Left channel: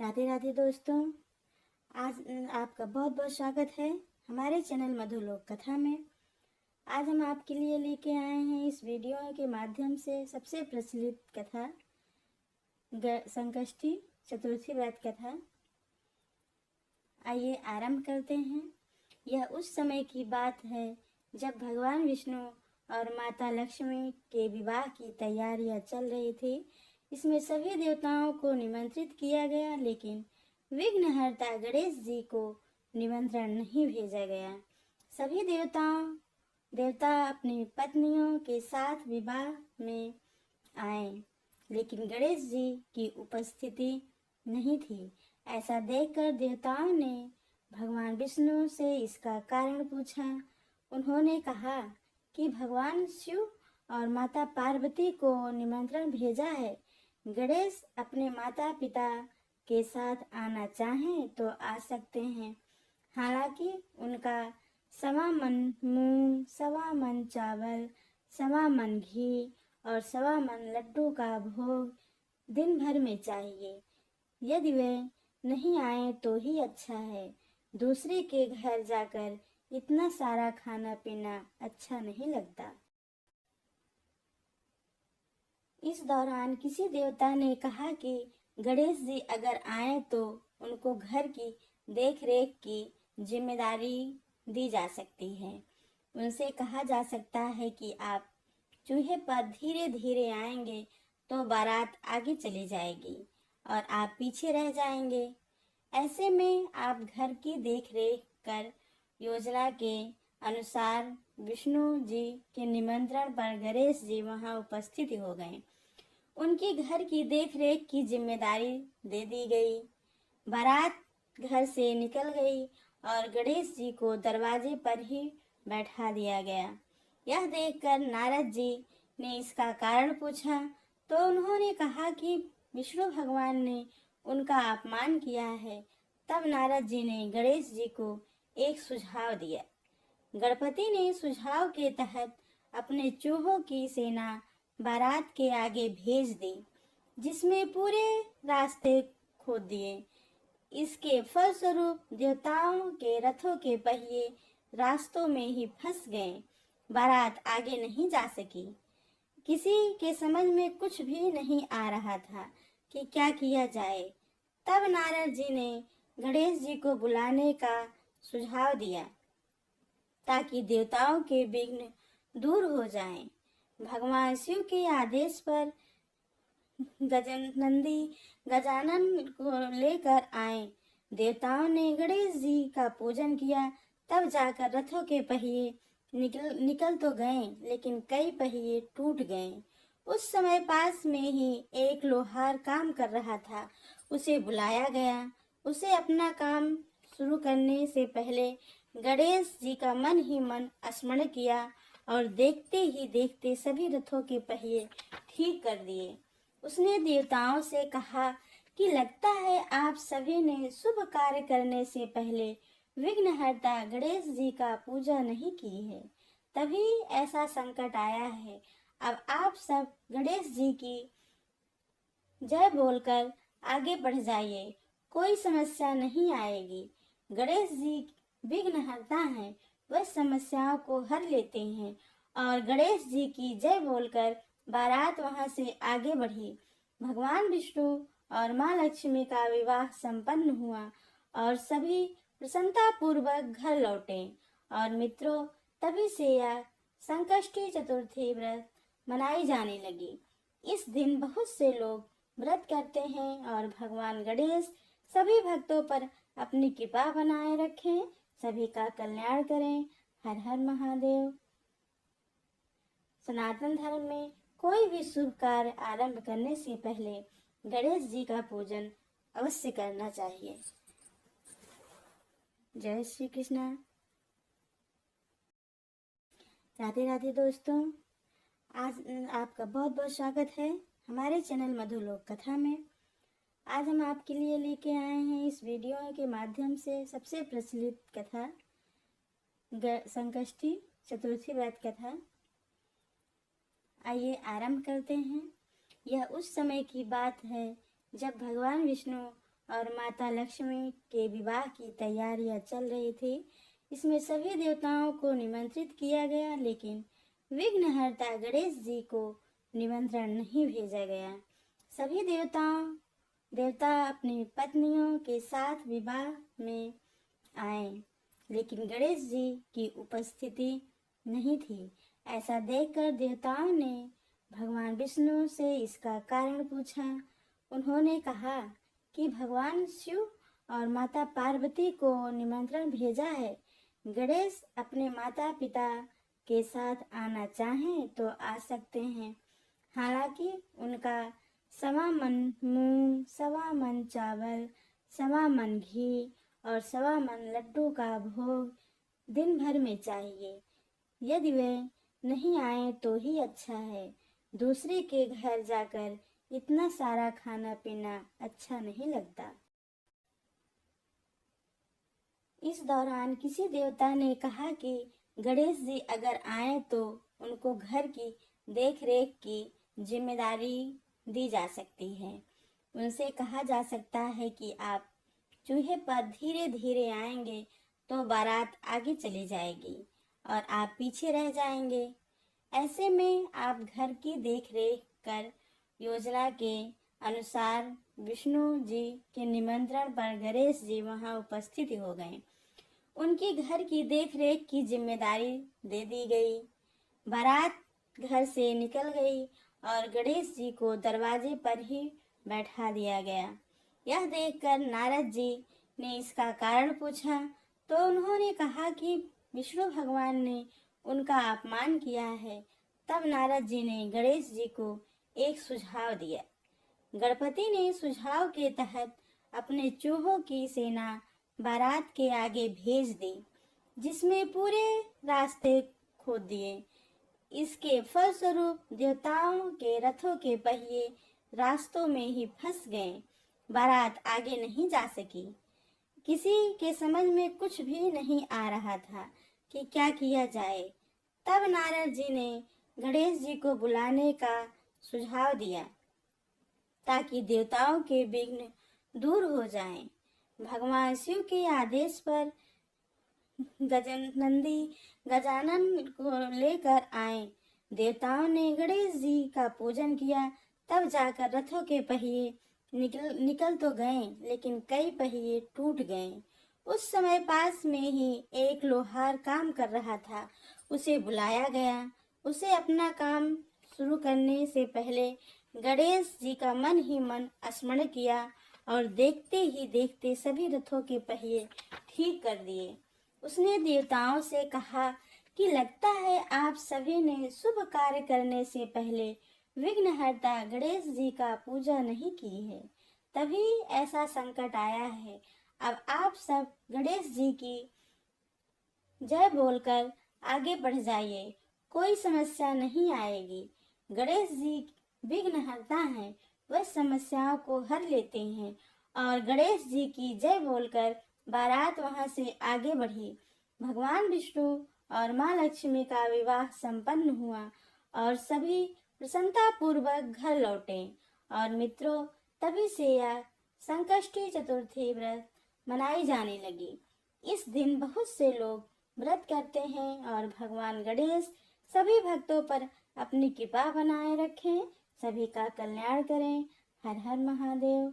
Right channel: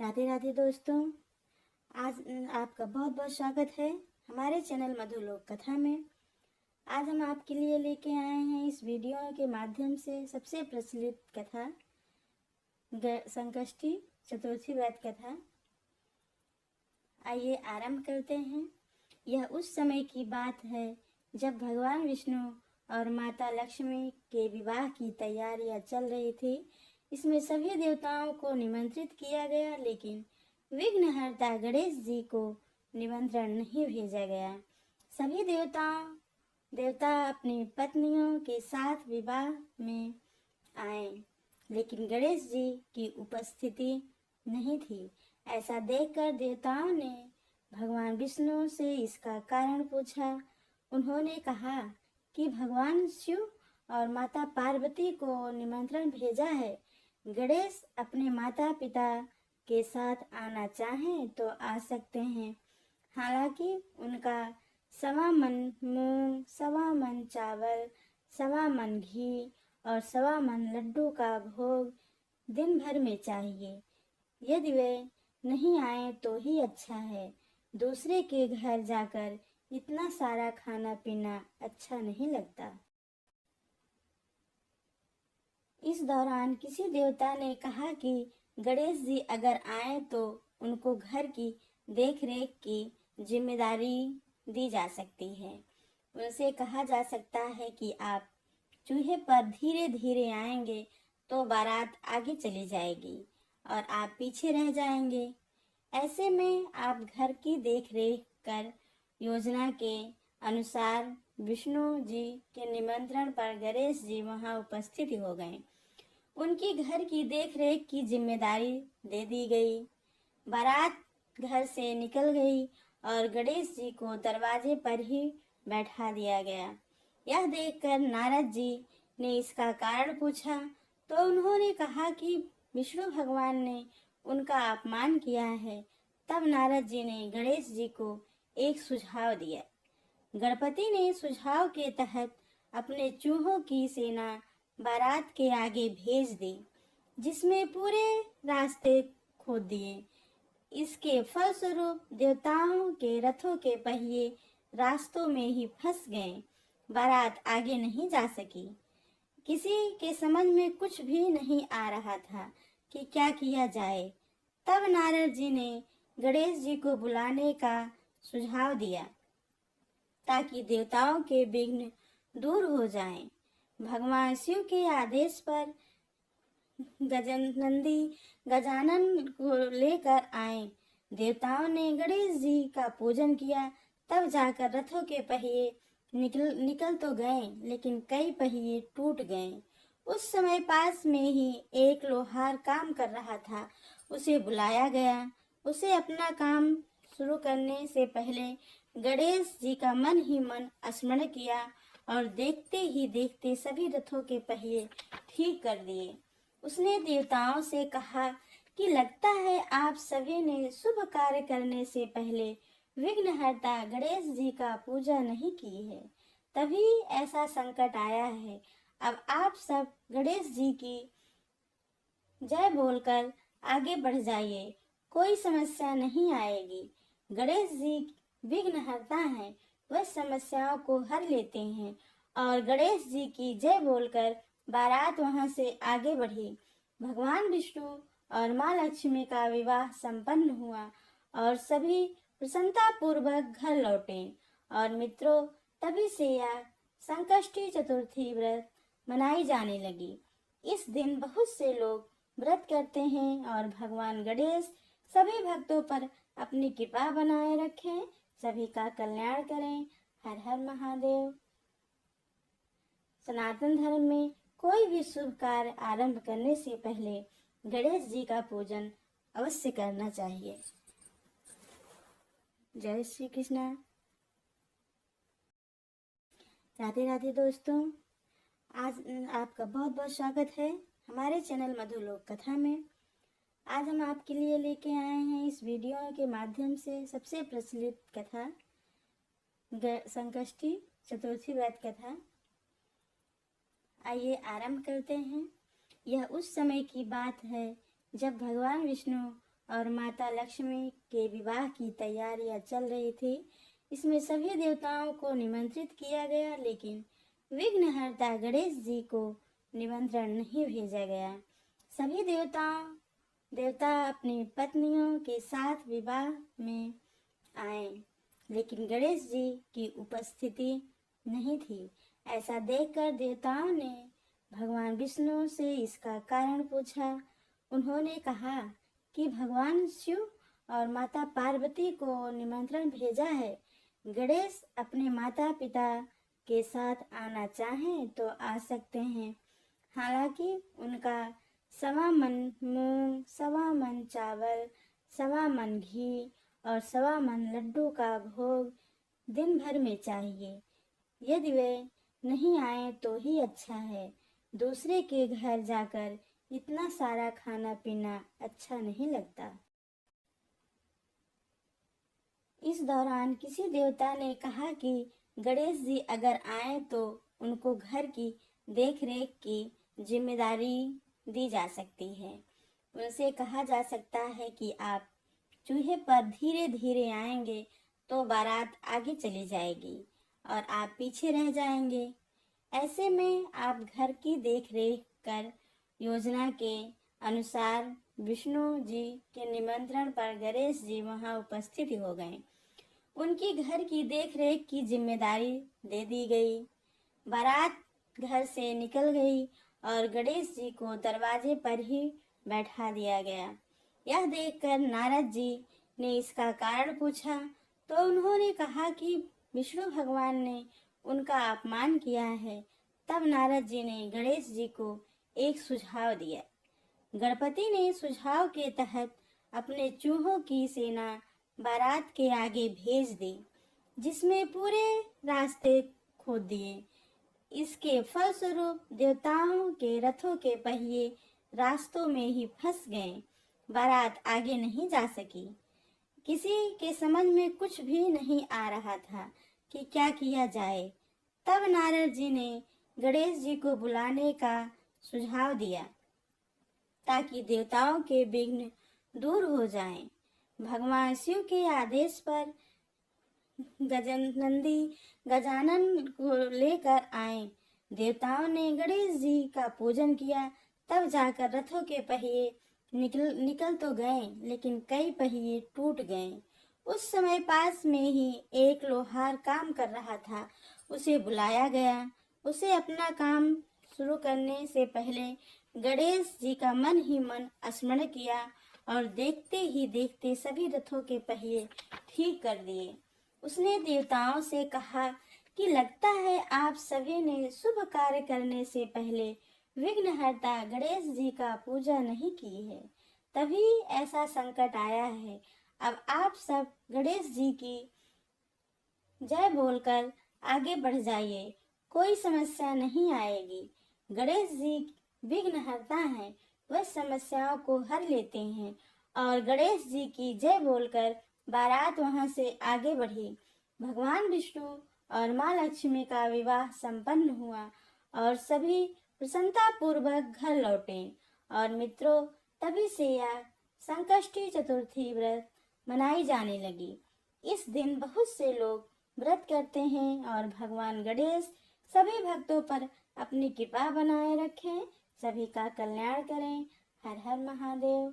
राधे राधे दोस्तों। आज आपका बहुत बहुत स्वागत है हमारे चैनल मधुलोक कथा में। आज हम आपके लिए लेके आए हैं इस वीडियो के माध्यम से सबसे प्रचलित कथा संकष्टी चतुर्थी व्रत कथा। आइए आरंभ करते हैं। यह उस समय की बात है जब भगवान विष्णु और माता लक्ष्मी के विवाह की तैयारियां चल रही थी। इसमें सभी देवताओं को निमंत्रित किया गया, लेकिन विघ्नहर्ता गणेश जी को निमंत्रण नहीं भेजा गया। सभी देवता अपनी पत्नियों के साथ विवाह में आए, लेकिन गणेश जी की उपस्थिति नहीं थी। ऐसा देखकर देवताओं ने भगवान विष्णु से इसका कारण पूछा। उन्होंने कहा कि भगवान शिव और माता पार्वती को निमंत्रण भेजा है। गणेश अपने माता पिता के साथ आना चाहें तो आ सकते हैं। हालांकि उनका सवा मन मूंग, सवा मन चावल, सवा मन घी और सवा मन लड्डू का भोग दिन भर में चाहिए। यदि वे नहीं आए तो ही अच्छा है। दूसरे के घर जाकर इतना सारा खाना पीना अच्छा नहीं लगता। इस दौरान किसी देवता ने कहा कि गणेश जी अगर आए तो उनको घर की देखरेख की जिम्मेदारी दी जा सकती है। उनसे कहा जा सकता है कि आप चूल्हे पर धीरे धीरे आएंगे तो बारात आगे चली जाएगी और आप पीछे रह जाएंगे। ऐसे में आप घर की देखरेख कर योजना के अनुसार विष्णु जी के निमंत्रण पर गणेश जी वहां उपस्थित हो गए। उनकी घर की देखरेख की जिम्मेदारी दे दी गई। बारात घर से निकल गई और गणेश जी को दरवाजे पर ही बैठा दिया गया। यह देखकर नारद जी ने इसका कारण पूछा तो उन्होंने कहा कि विष्णु भगवान ने उनका अपमान किया है। तब नारद जी ने गणेश जी को एक सुझाव दिया। गणपति ने सुझाव के तहत अपने चूहों की सेना बारात के आगे भेज दी, जिसमें पूरे रास्ते खोद दिए। इसके फलस्वरूप देवताओं के रथों के पहिए रास्तों में ही फंस गए। बारात आगे नहीं जा सकी। किसी के समझ में कुछ भी नहीं आ रहा था कि क्या किया जाए। तब नारद जी ने गणेश जी को बुलाने का सुझाव दिया ताकि देवताओं के विघ्न दूर हो जाएं। भगवान शिव के आदेश पर गजानन को लेकर आए। देवताओं ने गणेश जी का पूजन किया। तब जाकर रथों के पहिए निकल तो गए, लेकिन कई पहिए टूट गए। उस समय पास में ही एक लोहार काम कर रहा था। उसे बुलाया गया। उसे अपना काम शुरू करने से पहले गणेश जी का मन ही मन स्मरण किया और देखते ही देखते सभी रथों के पहिए ठीक कर दिए। उसने देवताओं से कहा कि लगता है आप सभी ने शुभ कार्य करने से पहले विघ्नहर्ता गणेश जी का पूजा नहीं की है, तभी ऐसा संकट आया है। अब आप सब गणेश जी की जय बोलकर आगे बढ़ जाइए, कोई समस्या नहीं आएगी। गणेश जी विघ्नहर्ता हैं, वह समस्याओं को हर लेते हैं। और गणेश जी की जय बोलकर बारात वहां से आगे बढ़ी। भगवान विष्णु और माँ लक्ष्मी का विवाह संपन्न हुआ और सभी प्रसन्नता पूर्वक घर लौटे। और मित्रों, तभी से यह संकष्टी चतुर्थी व्रत मनाई जाने लगी। इस दिन बहुत से लोग व्रत करते हैं और भगवान गणेश सभी भक्तों पर अपनी कृपा बनाए रखें, सभी का कल्याण करें। हर हर महादेव। सनातन धर्म में कोई भी शुभ कार्य आरंभ करने से पहले गणेश जी का पूजन अवश्य करना चाहिए। जय श्री कृष्ण। राधे राधे दोस्तों। आज आपका बहुत बहुत स्वागत है हमारे चैनल मधुलोक कथा में। आज हम आपके लिए लेके आए हैं इस वीडियो के माध्यम से सबसे प्रचलित कथा संकष्टी चतुर्थी व्रत कथा। आइए आरंभ करते हैं। यह उस समय की बात है जब भगवान विष्णु और माता लक्ष्मी के विवाह की तैयारियां चल रही थी। इसमें सभी देवताओं को निमंत्रित किया गया, लेकिन विघ्नहर्ता गणेश जी को निमंत्रण नहीं भेजा गया। सभी देवता अपनी पत्नियों के साथ विवाह में आए, लेकिन गणेश जी की उपस्थिति नहीं थी। ऐसा देखकर देवताओं ने भगवान विष्णु से इसका कारण पूछा। उन्होंने कहा कि भगवान शिव और माता पार्वती को निमंत्रण भेजा है। गणेश अपने माता पिता के साथ आना चाहें तो आ सकते हैं। हालांकि उनका सवा मन मूंग, सवा मन चावल, सवा मन घी और सवा मन लड्डू का भोग दिन भर में चाहिए। यदि वे नहीं आए तो ही अच्छा है। दूसरे के घर जाकर इतना सारा खाना पीना अच्छा नहीं लगता। इस दौरान किसी देवता ने कहा कि गणेश जी अगर आए तो उनको घर की देखरेख की जिम्मेदारी दी जा सकती है। उनसे कहा जा सकता है कि आप चूल्हे पर धीरे धीरे आएंगे तो बारात आगे चली जाएगी और आप पीछे रह जाएंगे। ऐसे में आप घर की देखरेख कर योजना के अनुसार विष्णु जी के निमंत्रण पर गणेश जी वहां उपस्थित हो गए। उनकी घर की देखरेख की जिम्मेदारी दे दी गई। बारात घर से निकल गई और गणेश जी को दरवाजे पर ही बैठा दिया गया। यह देखकर नारद जी ने इसका कारण पूछा तो उन्होंने कहा कि विष्णु भगवान ने उनका अपमान किया है। तब नारद जी ने गणेश जी को एक सुझाव दिया। गणपति ने सुझाव के तहत अपने चूहों की सेना बारात के आगे भेज दी, जिसमें पूरे रास्ते खोद दिए। इसके फलस्वरूप देवताओं के रथों के पहिए रास्तों में ही फंस गए। बारात आगे नहीं जा सकी। किसी के समझ में कुछ भी नहीं आ रहा था कि क्या किया जाए। तब नारद जी ने गणेश जी को बुलाने का सुझाव दिया ताकि देवताओं के विघ्न दूर हो जाएं। भगवान शिव के आदेश पर गजानन को लेकर आए। देवताओं ने गणेश जी का पूजन किया। तब जाकर रथों के पहिए निकल तो गए, लेकिन कई पहिए टूट गए। उस समय पास में ही एक लोहार काम कर रहा था। उसे बुलाया गया। उसे अपना काम शुरू करने से पहले गणेश जी का मन ही मन स्मरण किया और देखते ही देखते सभी रथों के पहिए ठीक कर दिए। उसने देवताओं से कहा कि लगता है आप सभी ने शुभ कार्य करने से पहले विघ्नहर्ता गणेश जी का पूजा नहीं की है, तभी ऐसा संकट आया है। अब आप सब गणेश जी की जय बोलकर आगे बढ़ जाइए, कोई समस्या नहीं आएगी। गणेश जी विघ्नहर्ता हैं, वह समस्याओं को हर लेते हैं। और गणेश जी की जय बोलकर बारात वहां से आगे बढ़ी। भगवान विष्णु और माँ लक्ष्मी का विवाह संपन्न हुआ और सभी प्रसन्नता पूर्वक घर लौटे। और मित्रों, तभी से यह संकष्टी चतुर्थी व्रत मनाई जाने लगी। इस दिन बहुत से लोग व्रत करते हैं और भगवान गणेश सभी भक्तों पर अपनी कृपा बनाए रखें, सभी का कल्याण करें। हर हर महादेव।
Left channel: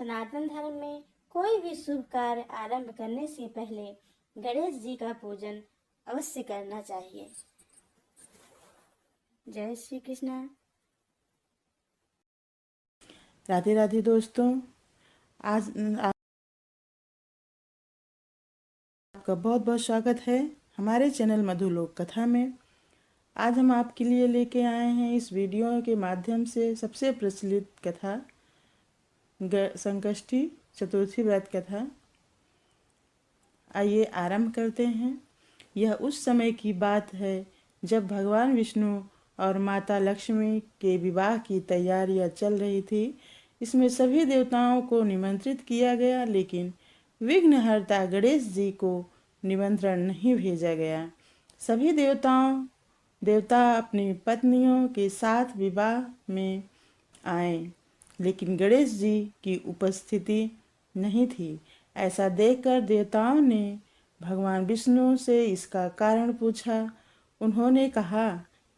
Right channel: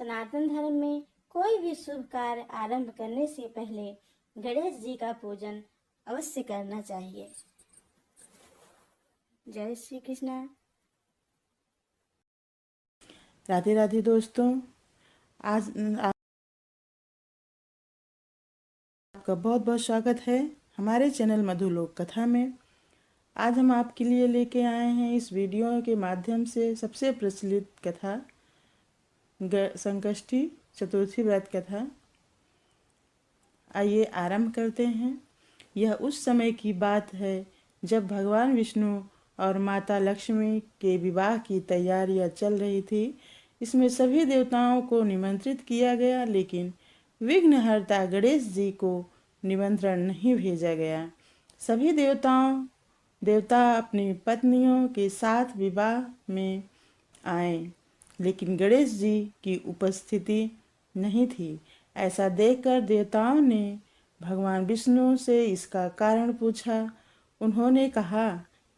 सनातन धर्म में कोई भी शुभ कार्य आरंभ करने से पहले गणेश जी का पूजन अवश्य करना चाहिए। जय श्री कृष्ण। राधे राधे दोस्तों, आज आपका बहुत बहुत स्वागत है हमारे चैनल मधुलोक कथा में। आज हम आपके लिए लेके आए हैं इस वीडियो के माध्यम से सबसे प्रचलित कथा, संकष्टी चतुर्थी व्रत कथा। आइए आरंभ करते हैं। यह उस समय की बात है जब भगवान विष्णु और माता लक्ष्मी के विवाह की तैयारियां चल रही थी। इसमें सभी देवताओं को निमंत्रित किया गया, लेकिन विघ्नहर्ता गणेश जी को निमंत्रण नहीं भेजा गया। सभी देवता अपनी पत्नियों के साथ विवाह में आए, लेकिन गणेश जी की उपस्थिति नहीं थी। ऐसा देखकर देवताओं ने भगवान विष्णु से इसका कारण पूछा। उन्होंने कहा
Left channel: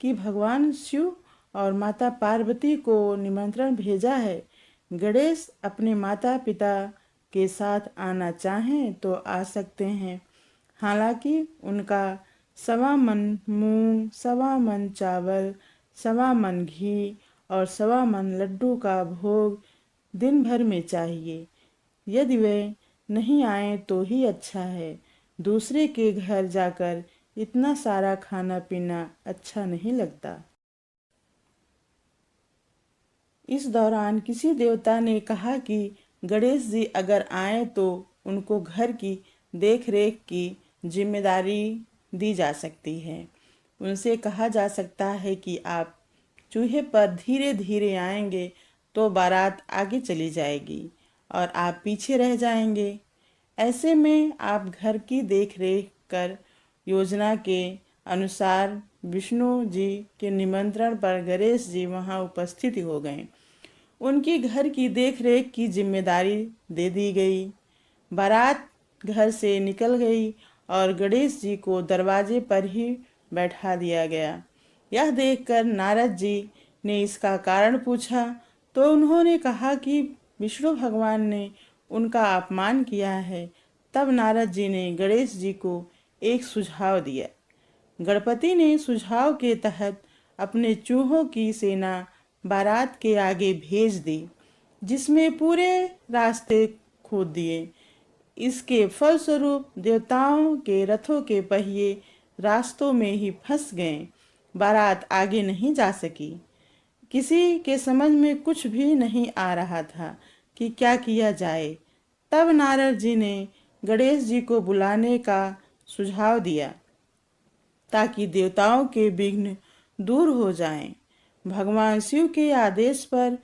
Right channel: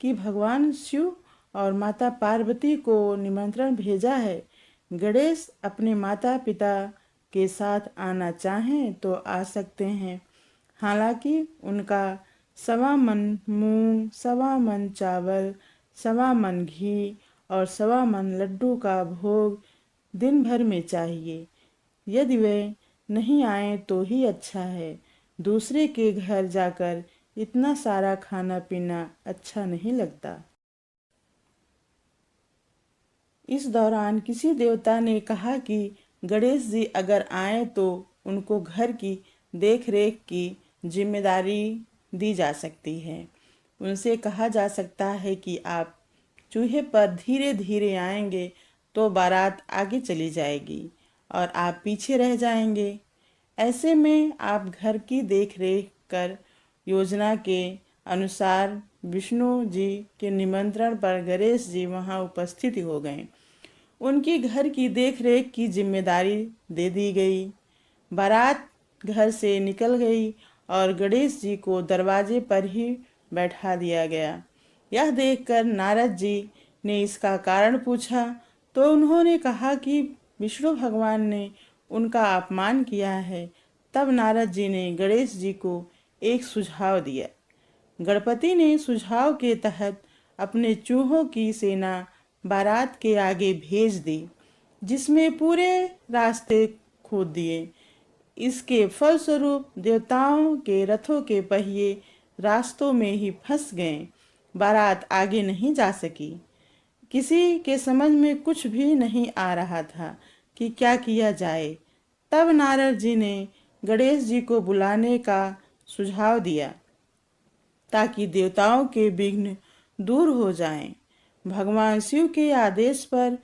कि भगवान शिव और माता पार्वती को निमंत्रण भेजा है। गणेश अपने माता पिता के साथ आना चाहें तो आ सकते हैं। हालांकि उनका 1.25 मन मूंग, 1.25 मन चावल, 1.25 मन घी और 1.25 मन लड्डू का भोग दिन भर में चाहिए। यदि वे नहीं आए तो ही अच्छा है। दूसरे के घर जाकर इतना सारा खाना पीना अच्छा नहीं लगता। इस दौरान किसी देवता ने कहा कि गणेश जी अगर आए तो उनको घर की देख रेख की जिम्मेदारी दी जा सकती है। उनसे कहा जा सकता है कि आप चूहे पर धीरे धीरे आएंगे तो बारात आगे चली जाएगी और आप पीछे रह जाएंगे। ऐसे में आप घर की देख रेख कर योजना के अनुसार विष्णु जी के निमंत्रण पर गणेश जी वहां उपस्थित हो गए। उनकी घर की देखरेख की जिम्मेदारी दे दी गई। बारात घर से निकल गई और गणेश जी को दरवाजे पर ही बैठा दिया गया। यह देखकर नारद जी ने इसका कारण पूछा तो उन्होंने कहा कि विष्णु भगवान ने उनका अपमान किया है। तब नारद जी ने गणेश जी को एक सुझाव दिया। गणपति ने सुझाव के तहत अपने चूहों की सेना बारात के आगे भेज दी, जिसमें पूरे रास्ते खोद दिए। इसके फलस्वरूप देवताओं के रथों के पहिए रास्तों में ही फंस गए। बारात आगे नहीं जा सकी। किसी के समझ में कुछ भी नहीं आ रहा था कि क्या किया जाए। तब नारद जी ने गणेश जी को बुलाने का सुझाव दिया ताकि देवताओं के विघ्न दूर हो जाएं। भगवान शिव के आदेश पर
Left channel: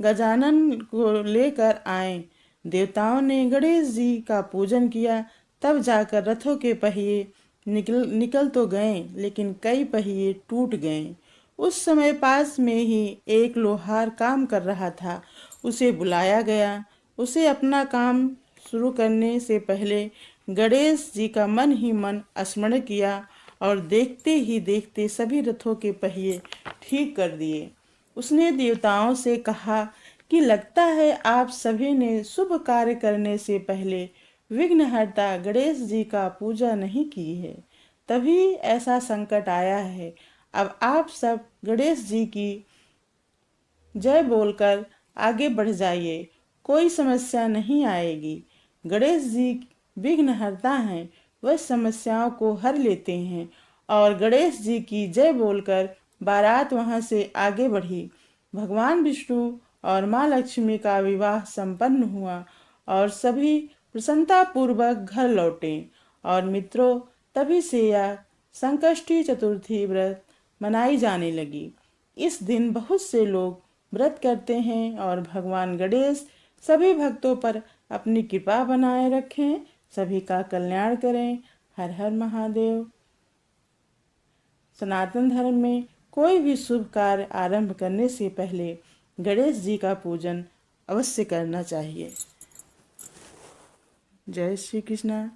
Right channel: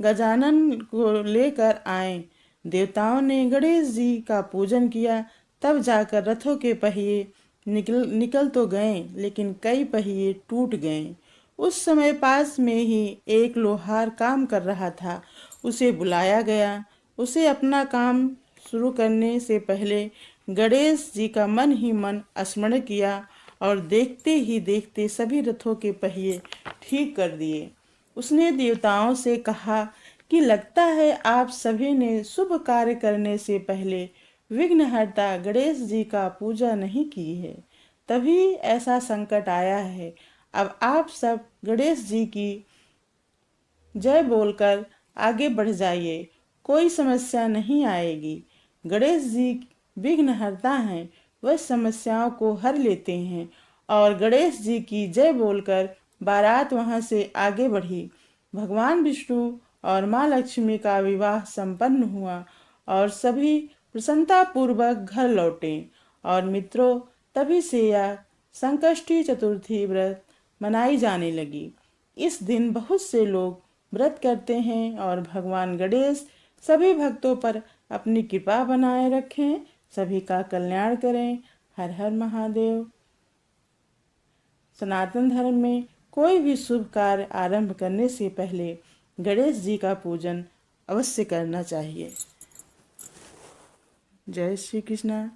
गजानन को लेकर आए। देवताओं ने गणेश जी का पूजन किया। तब जाकर रथों के पहिए निकल तो गए, लेकिन कई पहिए टूट गए। उस समय पास में ही एक लोहार काम कर रहा था। उसे बुलाया गया। उसे अपना काम शुरू करने से पहले गणेश जी का मन ही मन स्मरण किया और देखते ही देखते सभी रथों के पहिए ठीक कर दिए। उसने देवताओं से कहा कि लगता है आप सभी ने शुभ कार्य करने से पहले विघ्नहर्ता गणेश जी का पूजा नहीं की है, तभी ऐसा संकट आया है। अब आप सब गणेश जी की जय बोलकर आगे बढ़ जाइए, कोई समस्या नहीं आएगी। गणेश जी विघ्नहर्ता हैं, वह समस्याओं को हर लेते हैं। और गणेश जी की जय बोलकर बारात वहां से आगे बढ़ी। भगवान विष्णु और माँ लक्ष्मी का विवाह संपन्न हुआ और सभी प्रसन्नता पूर्वक घर लौटे। और मित्रों, तभी से यह संकष्टी चतुर्थी व्रत मनाई जाने लगी। इस दिन बहुत से लोग व्रत करते हैं और भगवान गणेश सभी भक्तों पर अपनी कृपा बनाए रखें, सभी का कल्याण करें। हर हर महादेव। सनातन धर्म में कोई भी शुभ कार्य आरंभ करने से पहले गणेश जी का पूजन अवश्य करना चाहिए। जय श्री कृष्णा।